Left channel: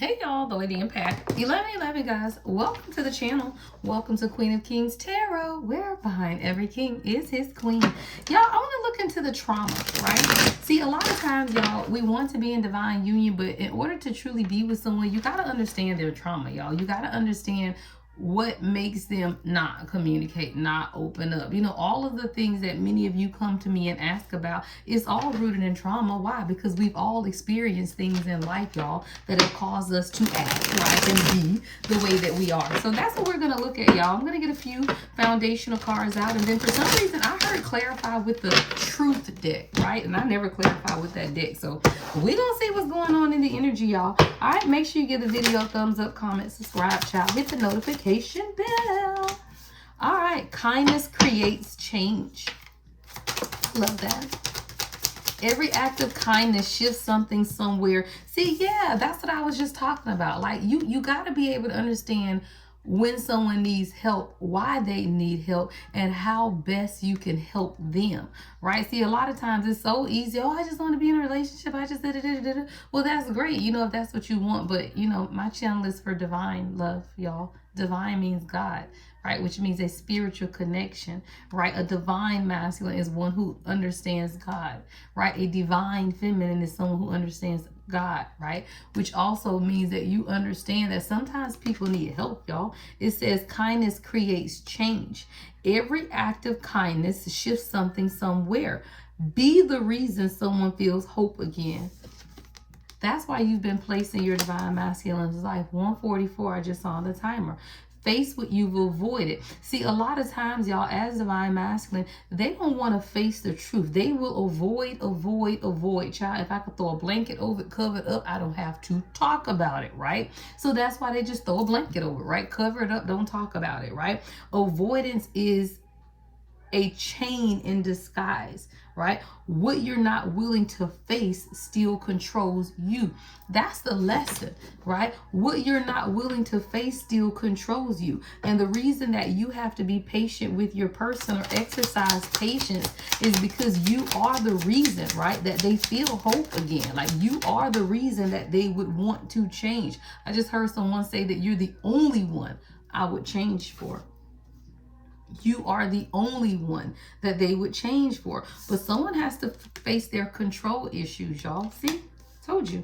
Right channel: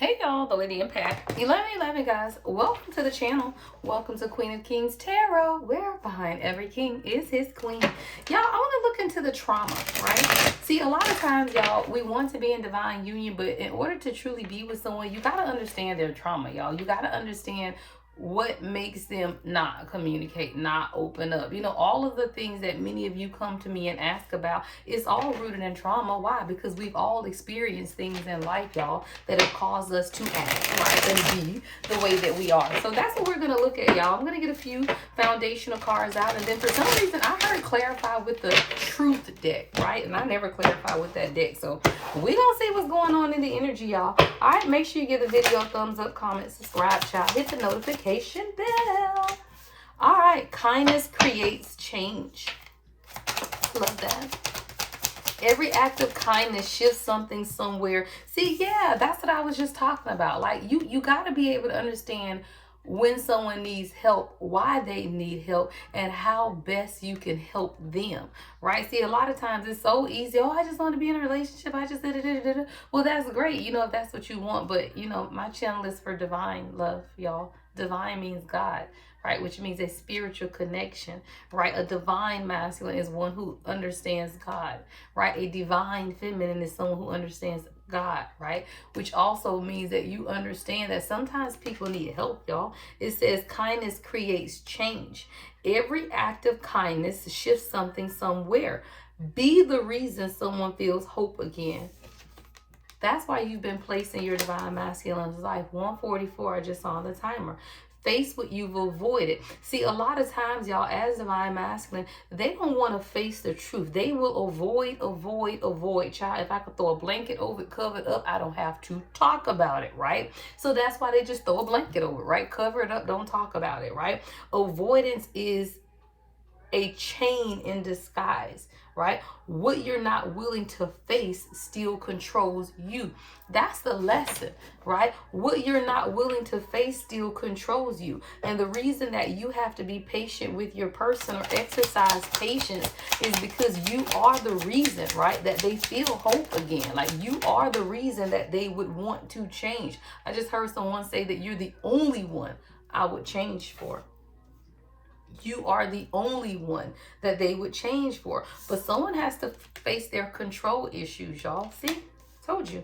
Hey y'all, the Lady Impact. 11 guys. Welcome to the channel. Welcome to Queen of Kings Tarot, where behind every king is his queen. Y'all, I want to look into the trauma, right? See, a lot of times, y'all, we want to be in divine union, but in order to truly be with someone, you got to understand their trauma, y'all. You got to understand what makes them not communicate, not open up. You know, all of the things that many of you come to me and ask about is all rooted in trauma. Why? Because we've all experienced things in life, y'all, that have caused us to act like and be the way that we are. So that's what we're going to look at, y'all. I'm going to get a few foundational cards out, and then for some reason I heard clarify with the truth deck, right? And I never clarify with that deck. So we're going to see what's going on in the energy, y'all. All right, make sure you give the video a thumbs up, comment, subscribe, child, hit the notification bell. All right, kindness creates change. Love that. Every act of kindness shifts something somewhere. See, yeah, that's what I was just talking about. Like, you got to be able to understand when someone needs help, why they need help, and how best you can help them, right? See, a lot of times it's so easy. Oh, I just want to be in a relationship. I just da-da-da-da-da. Well, that's great, you know, if that's what you want. But, you know, my channel is for divine love, y'all. Divine means God, right? Which means a spiritual connection, right? A divine masculine is one who understands God, right? A divine feminine is someone who understands God, right? Which also means that you understand that sometimes people need help, y'all. It says kindness creates change. Every act of kindness shifts something somewhere. Be the reason someone feels hope again. That's why you've been placed in your divine masculine's life. 144, I just saw the timer. Face what you've avoided. See, a lot of times, y'all, as divine masculine, they don't want to face the truth. They will avoid. Child, if I could throw a blanket over it, cover it up, I don't have to talk about it, right? So that's why they just throw a blanket over it, right? Cover it up, don't talk about it, right? Avoidance is a chain in disguise, right? What you're not willing to face still controls you. That's the lesson, right? What you're not willing to face still controls you. And the reason that you have to be patient with your person or exercise patience is because you are the reason, right, that they feel hope again. Like, you are the reason that they would want to change. I just heard someone say that you're the only one I would change for. You are the only one that they would change for. But someone has to face their control issues, y'all. See? Told you.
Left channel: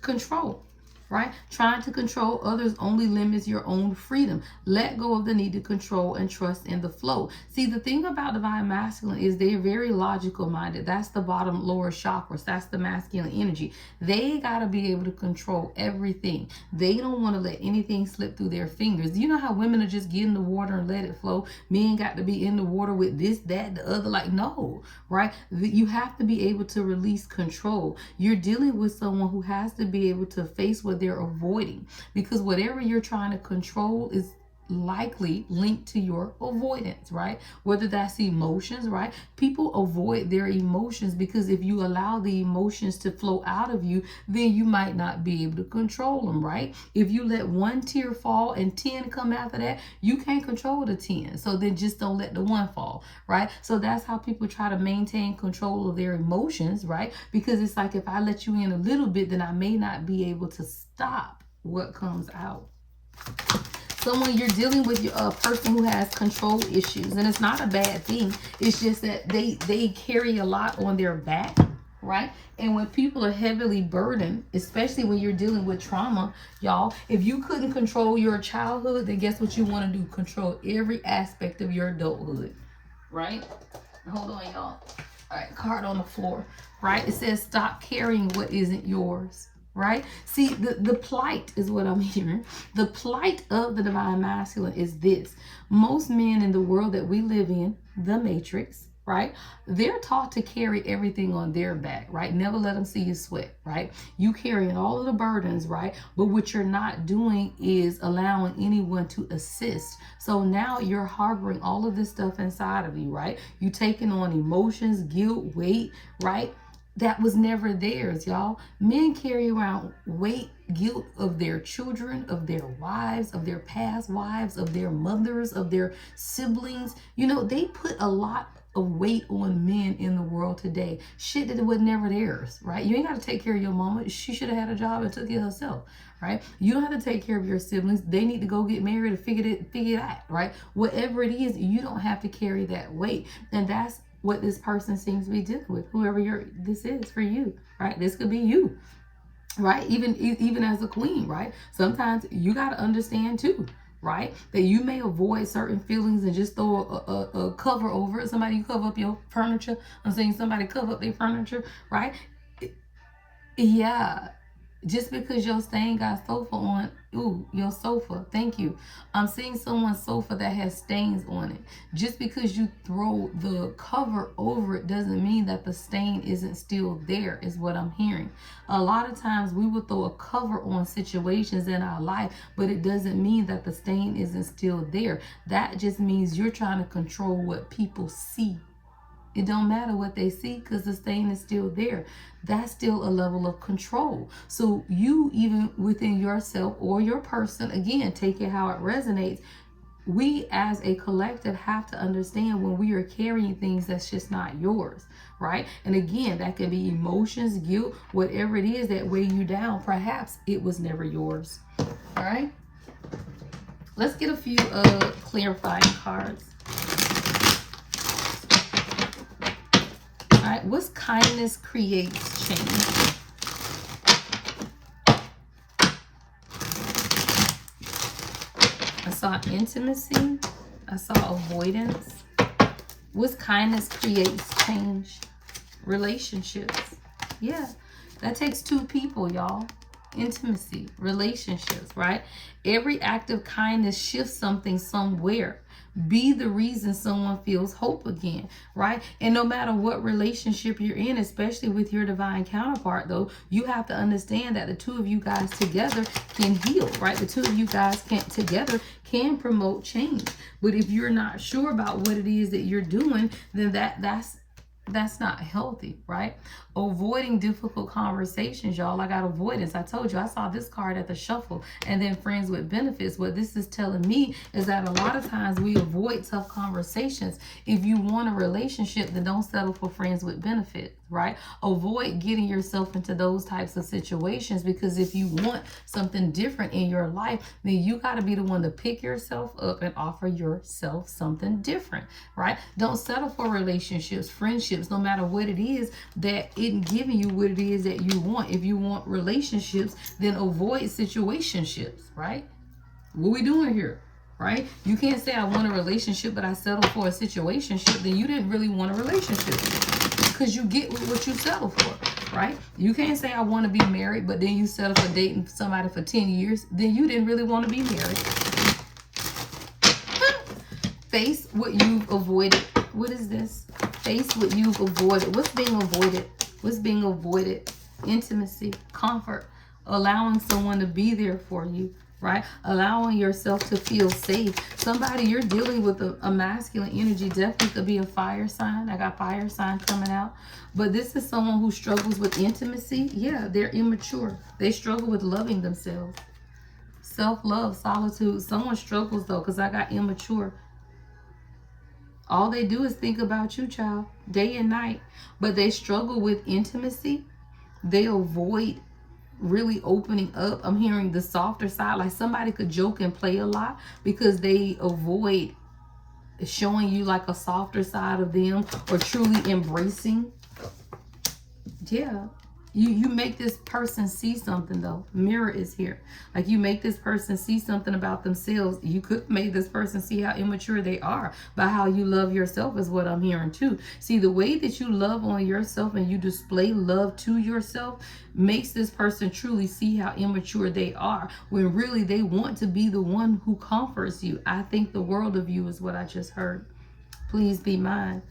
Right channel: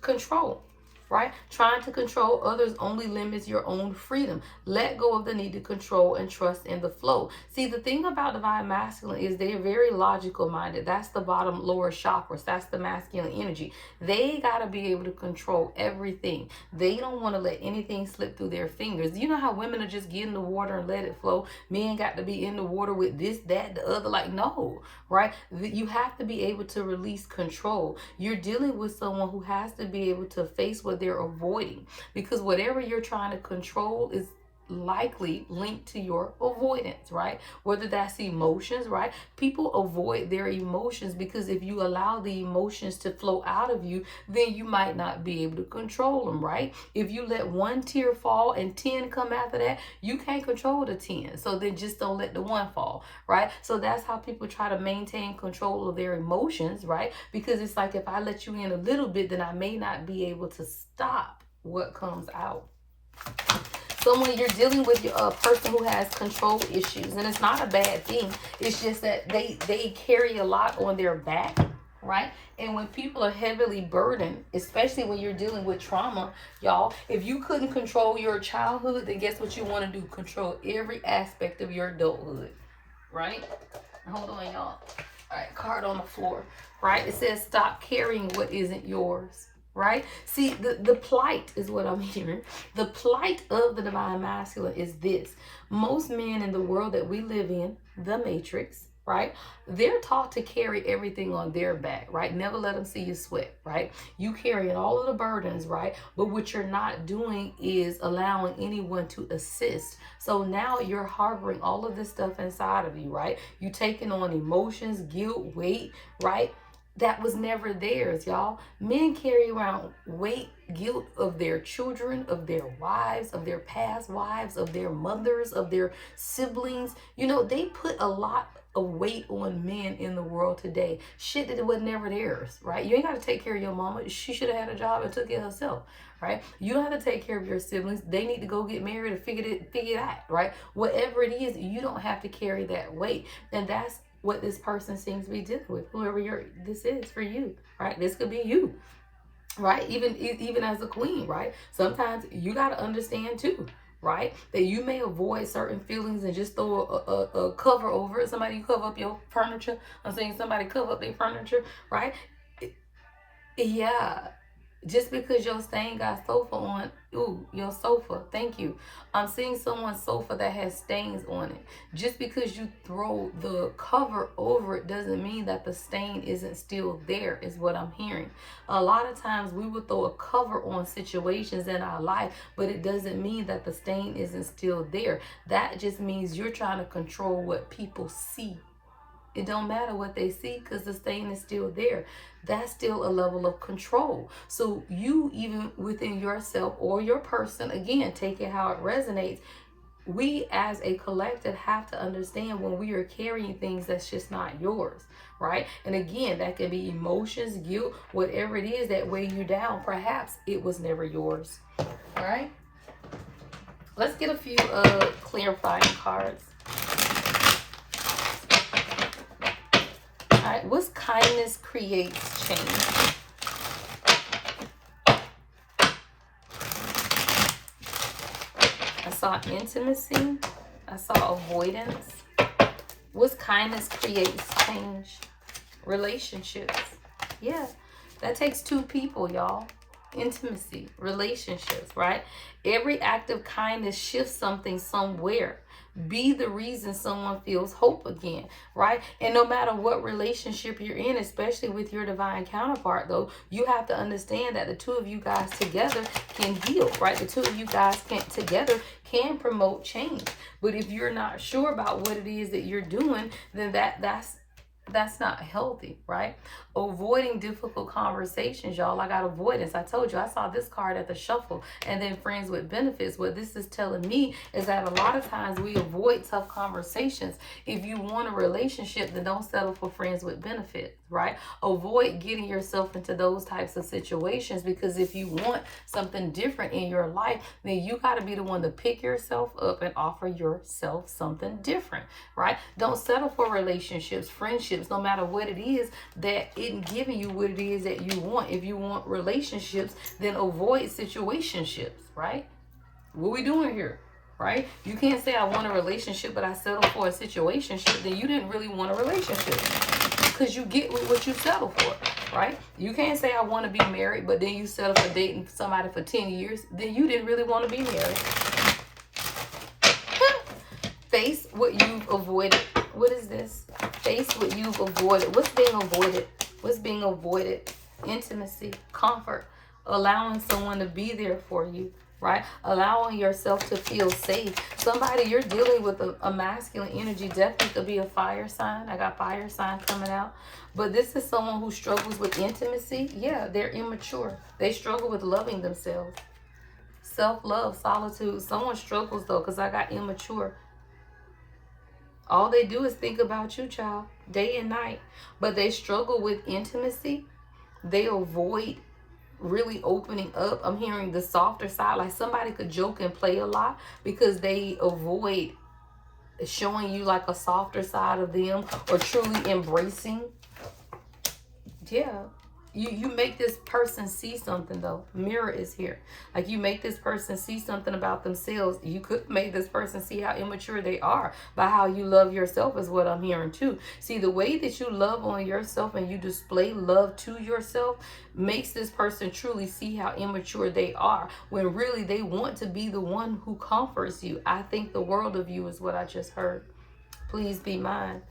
Control. Right? Trying to control others only limits your own freedom. Let go of the need to control and trust in the flow. See, the thing about divine masculine is they're very logical minded. That's the bottom lower chakras. That's the masculine energy. They got to be able to control everything. They don't want to let anything slip through their fingers. You know how women are just get in the water and let it flow? Men got to be in the water with this, that, the other. Like, no, right? You have to be able to release control. You're dealing with someone who has to be able to face what they're avoiding, because whatever you're trying to control is likely linked to your avoidance, right? Whether that's emotions, right? People avoid their emotions because if you allow the emotions to flow out of you, then you might not be able to control them, right? If you let one tear fall and 10 come after that, you can't control the 10. So then just don't let the one fall, right? So that's how people try to maintain control of their emotions, right? Because it's like, if I let you in a little bit, then I may not be able to stop what comes out. So when you're dealing with a person who has control issues, and it's not a bad thing, it's just that they carry a lot on their back, right? And when people are heavily burdened, especially when you're dealing with trauma, y'all, if you couldn't control your childhood, then guess what you want to do? Control every aspect of your adulthood, right? Hold on, y'all. All right, card on the floor, right? It says stop carrying what isn't yours. Right? See, the plight is what I'm hearing. The plight of the divine masculine is this. Most men in the world that we live in, the matrix, right? They're taught to carry everything on their back, right? Never let them see you sweat, right? You carrying all of the burdens, right? But what you're not doing is allowing anyone to assist. So now you're harboring all of this stuff inside of you, right? You taking on emotions, guilt, weight, right? That was never theirs, y'all. Men carry around weight, guilt of their children, of their wives, of their past wives, of their mothers, of their siblings. You know, they put a lot a weight on men in the world today. Shit that was never theirs, right? You ain't got to take care of your mama. She should have had a job and took it herself, right? You don't have to take care of your siblings. They need to go get married and figure it out, right? Whatever it is, you don't have to carry that weight. And that's what this person seems to be dealing with. Whoever this is for you, right? This could be you, right? Even as a queen, right? Sometimes you got to understand too, right? That you may avoid certain feelings and just throw a cover over it. Somebody cover up your furniture. I'm saying somebody cover up their furniture, right? Yeah. Just because your stain got sofa on, ooh, your sofa, thank you. I'm seeing someone's sofa that has stains on it. Just because you throw the cover over it doesn't mean that the stain isn't still there, is what I'm hearing. A lot of times we will throw a cover on situations in our life, but it doesn't mean that the stain isn't still there. That just means you're trying to control what people see. It don't matter what they see because the stain is still there. That's still a level of control. So you, even within yourself or your person, again, take it how it resonates. We as a collective have to understand when we are carrying things that's just not yours, right? And again, that can be emotions, guilt, whatever it is that weigh you down. Perhaps it was never yours. All right. Let's get a few clarifying cards. All right, what's kindness creates change? I saw intimacy. I saw avoidance. What's kindness creates change? Relationships. Yeah, that takes two people, y'all. Intimacy, relationships, right? Every act of kindness shifts something somewhere. Be the reason someone feels hope again, right? And no matter what relationship you're in, especially with your divine counterpart, though, you have to understand that the two of you guys together can heal, right? The two of you guys together can promote change. But if you're not sure about what it is that you're doing, then that's not healthy, right? Avoiding difficult conversations, y'all. I got avoidance. I told you, I saw this card at the shuffle, and then friends with benefits. What this is telling me is that a lot of times we avoid tough conversations. If you want a relationship, then don't settle for friends with benefits, right? Avoid getting yourself into those types of situations, because if you want something different in your life, then you got to be the one to pick yourself up and offer yourself something different, right? Don't settle for relationships, friendships, no matter what it is that isn't giving you what it is that you want. If you want relationships, then avoid situationships, right? What we doing here, right? You can't say I want a relationship, but I settle for a situationship. Then you didn't really want a relationship, because you get what you settle for, right? You can't say I want to be married, but then you settle for dating somebody for 10 years. Then you didn't really want to be married. Face what you've avoided. What is this? Face what you've avoided. What's being avoided? What's being avoided? Intimacy, comfort, allowing someone to be there for you, right? Allowing yourself to feel safe. Somebody you're dealing with a masculine energy definitely could be a fire sign. I got fire sign coming out. But this is someone who struggles with intimacy. Yeah, they're immature. They struggle with loving themselves. Self-love, solitude. Someone struggles though, because I got immature. All they do is think about you, child, day and night. But they struggle with intimacy. They avoid really opening up. I'm hearing the softer side. Like somebody could joke and play a lot because they avoid showing you like a softer side of them or truly embracing. Yeah. You make this person see something though. Mirror is here. Like you make this person see something about themselves. You could make this person see how immature they are by how you love yourself, is what I'm hearing too. See, the way that you love on yourself and you display love to yourself makes this person truly see how immature they are, when really they want to be the one who comforts you. I think the world of you is what I just heard. Please be mine.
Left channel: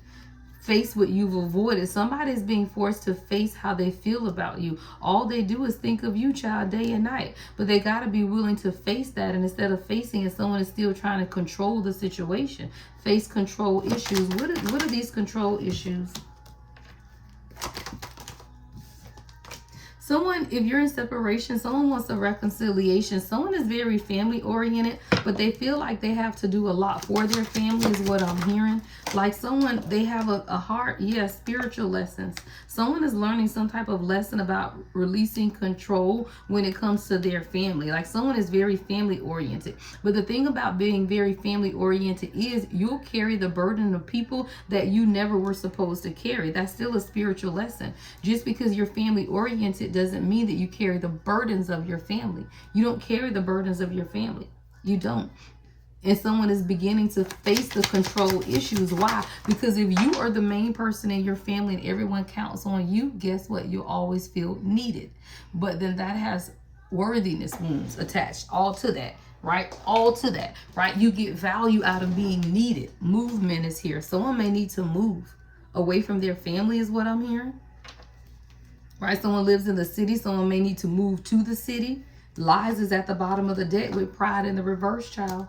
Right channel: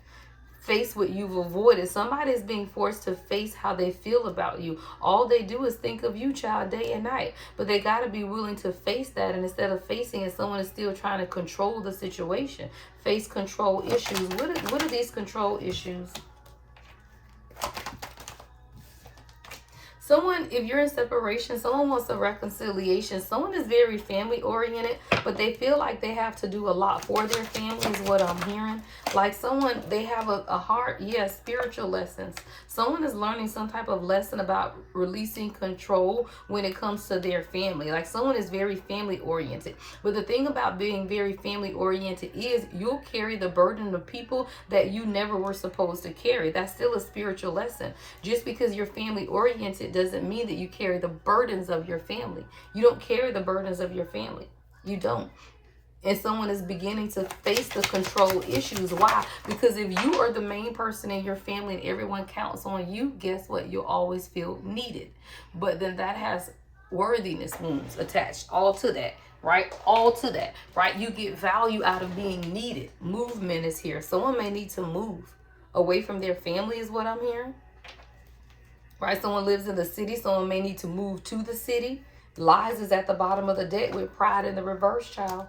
Face what you've avoided. Somebody is being forced to face how they feel about you. All they do is think of you, child, day and night. But they got to be willing to face that. And instead of facing it, someone is still trying to control the situation. Face control issues. What are these control issues? Someone, if you're in separation, someone wants a reconciliation. Someone is very family oriented, but they feel like they have to do a lot for their family is what I'm hearing. Like someone, they have a heart, yes, spiritual lessons. Someone is learning some type of lesson about releasing control when it comes to their family. Like someone is very family oriented. But the thing about being very family oriented is you'll carry the burden of people that you never were supposed to carry. That's still a spiritual lesson. Just because you're family oriented doesn't mean that you carry the burdens of your family. You don't carry the burdens of your family. You don't. And someone is beginning to face the control issues. Why? Because if you are the main person in your family and everyone counts on you, guess what? You'll always feel needed. But then that has worthiness wounds attached all to that, right? All to that, right? You get value out of being needed. Movement is here. Someone may need to move away from their family is what I'm hearing. Right? Someone lives in the city. Someone may need to move to the city. Lies is at the bottom of the deck with pride in the reverse, child.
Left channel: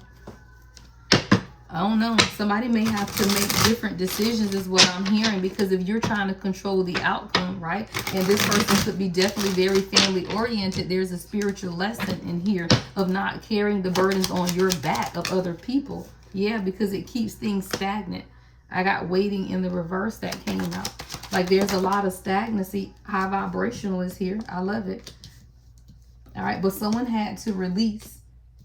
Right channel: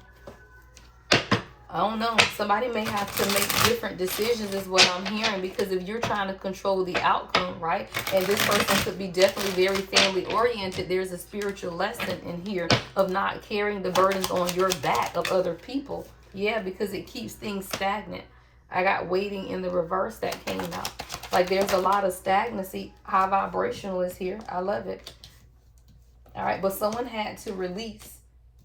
I don't know. Somebody may have to make different decisions is what I'm hearing, because if you're trying to control the outcome, right? And this person could be definitely very family oriented. There's a spiritual lesson in here of not carrying the burdens on your back of other people. Yeah, because it keeps things stagnant. I got waiting in the reverse that came out. Like there's a lot of stagnancy. High vibrational is here. I love it. All right. But someone had to release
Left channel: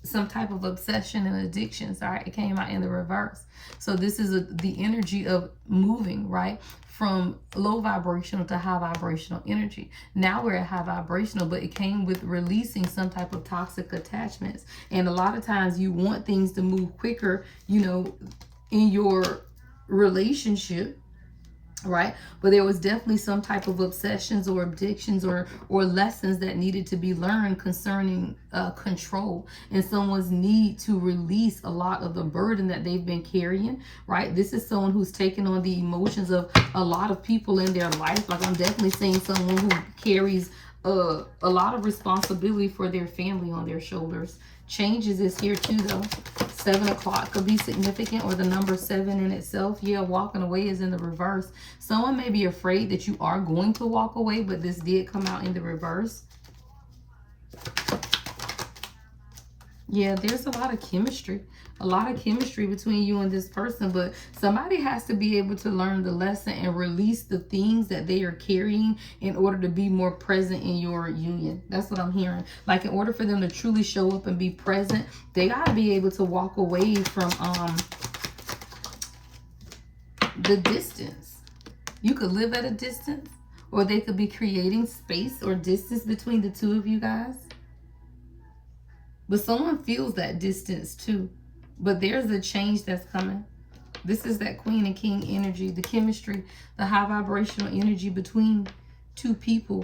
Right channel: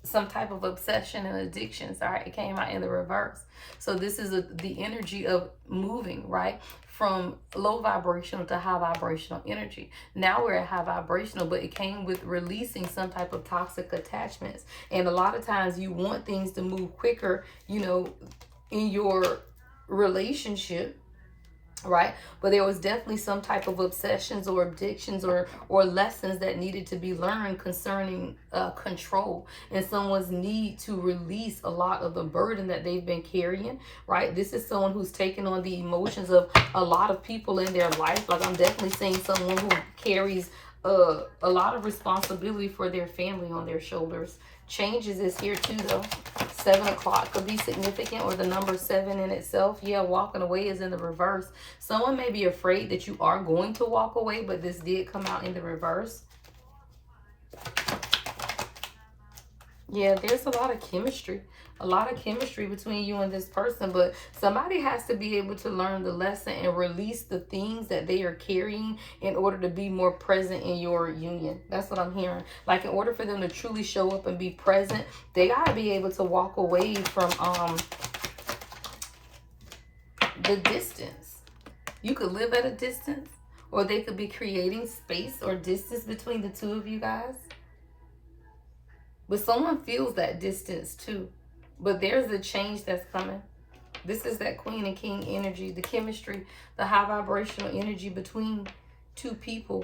some type of obsession and addictions. All right, it came out in the reverse. So this is the energy of moving, right, from low vibrational to high vibrational energy. Now we're at high vibrational, but it came with releasing some type of toxic attachments. And a lot of times you want things to move quicker, you know, in your relationship, right? But there was definitely some type of obsessions or addictions or lessons that needed to be learned concerning control and someone's need to release a lot of the burden that they've been carrying, right? This is someone who's taken on the emotions of a lot of people in their life. Like I'm definitely seeing someone who carries a lot of responsibility for their family on their shoulders. Changes is here too though. 7 o'clock could be significant, or the number 7 in itself. Yeah, walking away is in the reverse. Someone may be afraid that you are going to walk away, but this did come out in the reverse. Yeah, there's a lot of chemistry. A lot of chemistry between you and this person, but somebody has to be able to learn the lesson and release the things that they are carrying in order to be more present in your union. That's what I'm hearing. Like in order for them to truly show up and be present, they got to be able to walk away from the distance. You could live at a distance, or they could be creating space or distance between the two of you guys. But someone feels that distance too. But there's a change that's coming. This is that Queen and King energy, the chemistry, the high vibrational energy between two people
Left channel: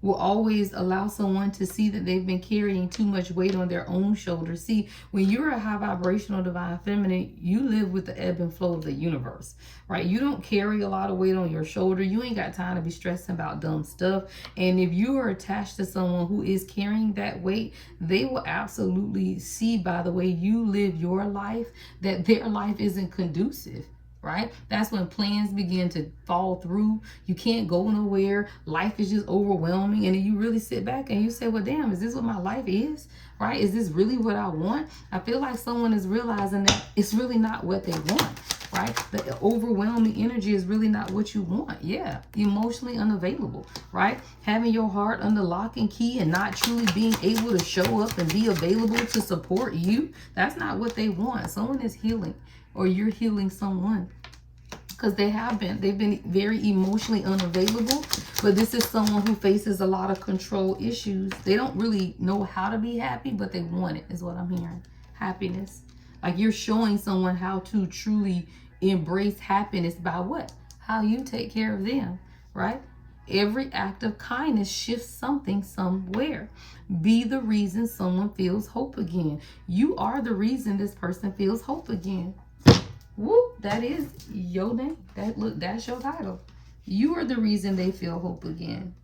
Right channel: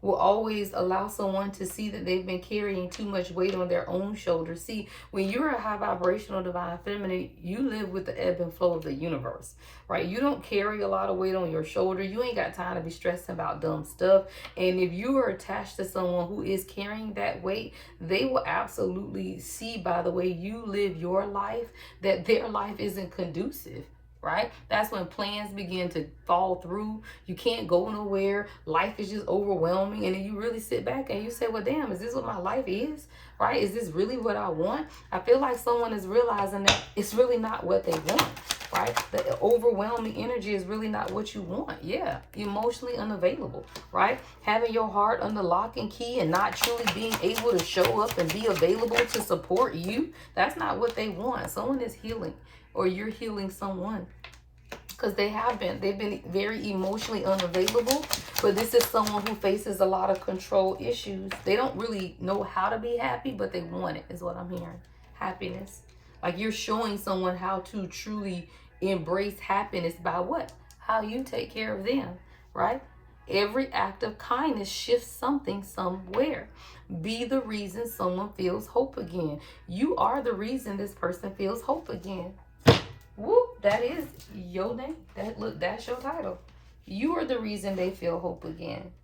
will always allow someone to see that they've been carrying too much weight on their own shoulders. See, when you're a high vibrational divine feminine, you live with the ebb and flow of the universe, right? You don't carry a lot of weight on your shoulder. You ain't got time to be stressing about dumb stuff. And if you are attached to someone who is carrying that weight, they will absolutely see by the way you live your life that their life isn't conducive. Right? That's when plans begin to fall through. You can't go nowhere. Life is just overwhelming. And then you really sit back and you say, well, damn, is this what my life is? Right? Is this really what I want? I feel like someone is realizing that it's really not what they want. Right? The overwhelming energy is really not what you want. Yeah. Emotionally unavailable. Right? Having your heart under lock and key and not truly being able to show up and be available to support you. That's not what they want. Someone is healing. Or you're healing someone, because they've been very emotionally unavailable. But this is someone who faces a lot of control issues. They don't really know how to be happy, but they want it, is what I'm hearing. Happiness. Like you're showing someone how to truly embrace happiness by what? How you take care of them, right? Every act of kindness shifts something somewhere. Be the reason someone feels hope again. You are the reason this person feels hope again. Whoop, that is your name. That's your title. You are the reason they feel hope again.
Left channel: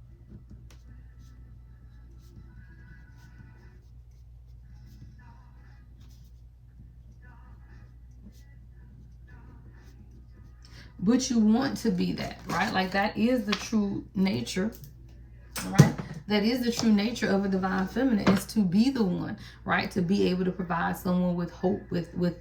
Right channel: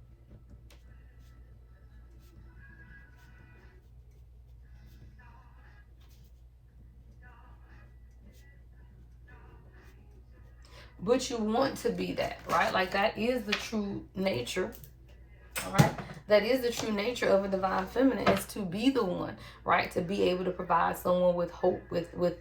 But you want to be that, right? Like that is the true nature. All right. That is the true nature of a divine feminine, is to be the one, right? To be able to provide someone with hope, with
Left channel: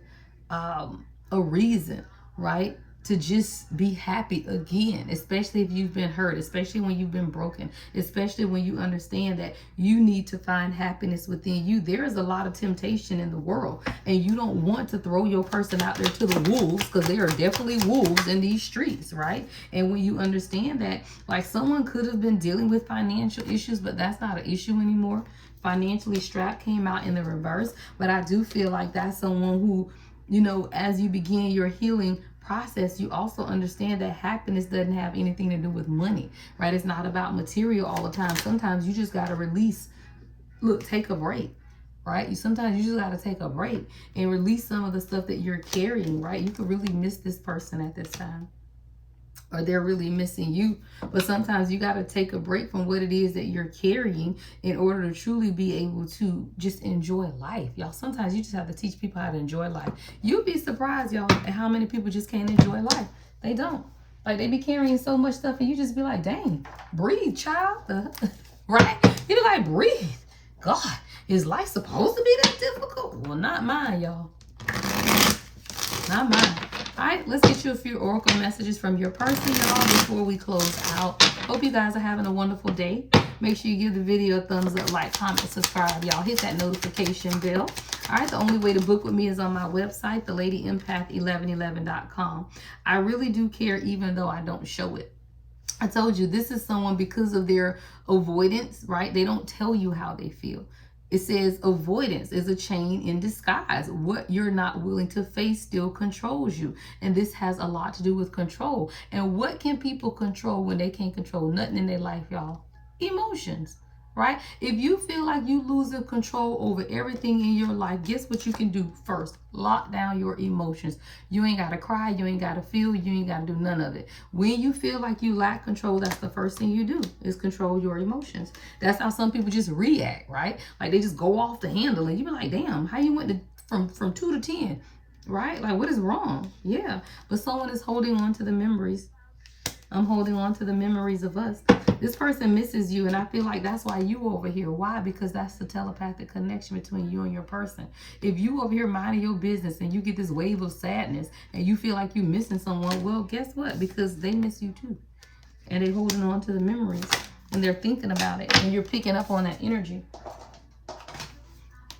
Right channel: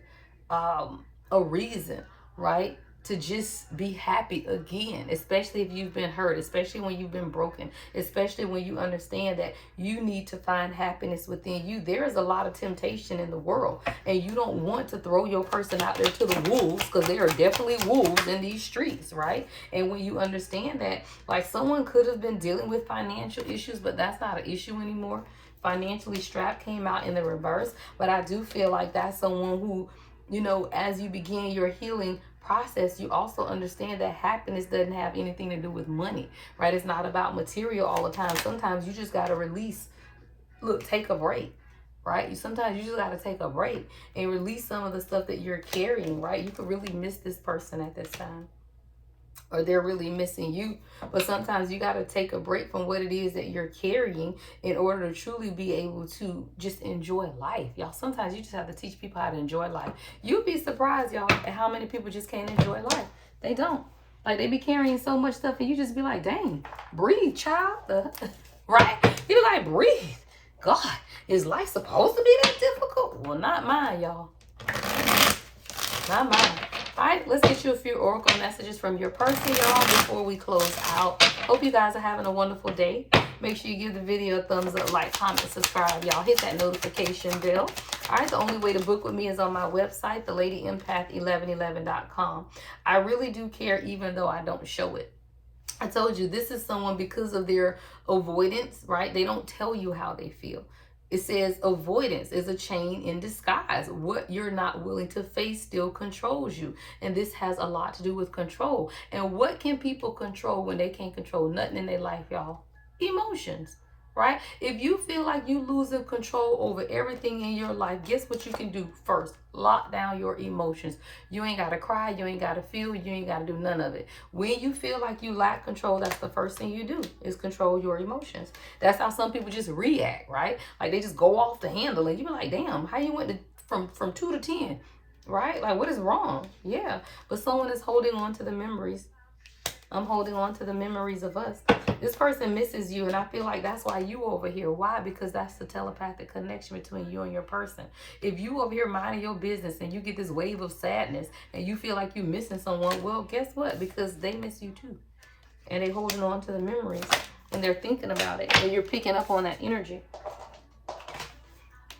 a reason, right? To just be happy again, especially if you've been hurt, especially when you've been broken, especially when you understand that you need to find happiness within you. There is a lot of temptation in the world, and you don't want to throw your person out there to the wolves, because there are definitely wolves in these streets, right? And when you understand that, like, someone could have been dealing with financial issues, but that's not an issue anymore. Financially strapped came out in the reverse, but I do feel like that's someone who, you know, as you begin your healing process, you also understand that happiness doesn't have anything to do with money, right? It's not about material all the time. Sometimes you just got to release, look, take a break, right? Sometimes you just got to take a break and release some of the stuff that you're carrying, right? You could really miss this person at this time, or they're really missing you. But sometimes you got to take a break from what it is that you're carrying in order to truly be able to just enjoy life, y'all. Sometimes you just have to teach people how to enjoy life. You'll be surprised, y'all, at how many people just can't enjoy life. They don't. Like, they be carrying so much stuff, and you just be like, dang, breathe, child. Right? You be like, breathe. God, is life supposed to be that difficult? Well, not mine, y'all. Not mine. All right, let's get you a few oracle messages from your person, y'all, before we close out. Hope you guys are having a wonderful day. Make sure you give the video a thumbs up, like, comment, subscribe, y'all. Hit that notification bell. All right, the only way to book with me is on my website, thelady1111.com. I really do care, even though I don't show it. I told you, this is someone, because of their avoidance, right? They don't tell you how they feel. It says avoidance is a chain in disguise. What you're not willing to face still controls you. And this has a lot to do with control. And what can people control when they can't control nothing in their life, y'all? Emotions, right? If you feel like you losing control over everything in your life, guess what you can do first? Lock down your emotions. You ain't got to cry. You ain't got to feel. You ain't got to do none of it. When you feel like you lack control, that's the first thing you do, is control your emotions. That's how some people just react, right? Like, they just go off the handle, and you be like, damn, how you went from 2 to 10, right? Like, what is wrong? Yeah, but someone is holding on to the memories. I'm holding on to the memories of us. This person misses you, and I feel like that's why you over here. Why? Because that's the telepathic connection between you and your person. If you over here minding your business and you get this wave of sadness and you feel like you're missing someone, well, guess what? Because they miss you too. And they're holding on to the memories, and they're thinking about it, and you're picking up on that energy.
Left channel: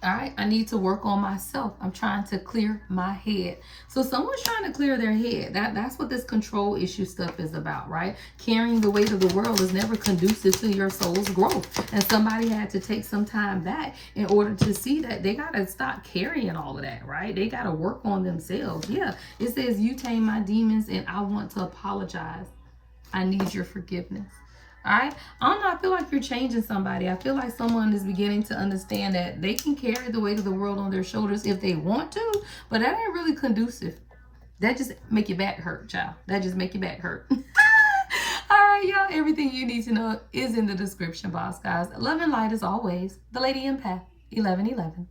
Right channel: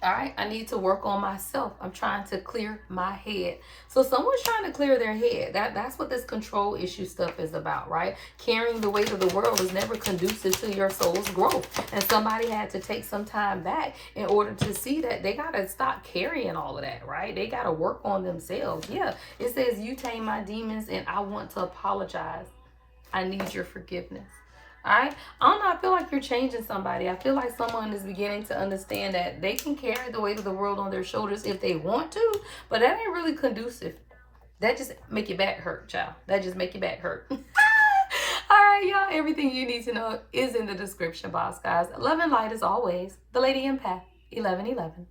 All right, I need to work on myself. I'm trying to clear my head. So someone's trying to clear their head. That's what this control issue stuff is about, right? Carrying the weight of the world is never conducive to your soul's growth. And somebody had to take some time back in order to see that they got to stop carrying all of that, right? They got to work on themselves. Yeah, it says, you tame my demons, and I want to apologize. I need your forgiveness. All right. I don't know. I feel like you're changing somebody. I feel like someone is beginning to understand that they can carry the weight of the world on their shoulders if they want to, but that ain't really conducive. That just make your back hurt, child. That just make your back hurt. All right, y'all. Everything you need to know is in the description box, guys. Love and light as always. The Lady Empath, 1111.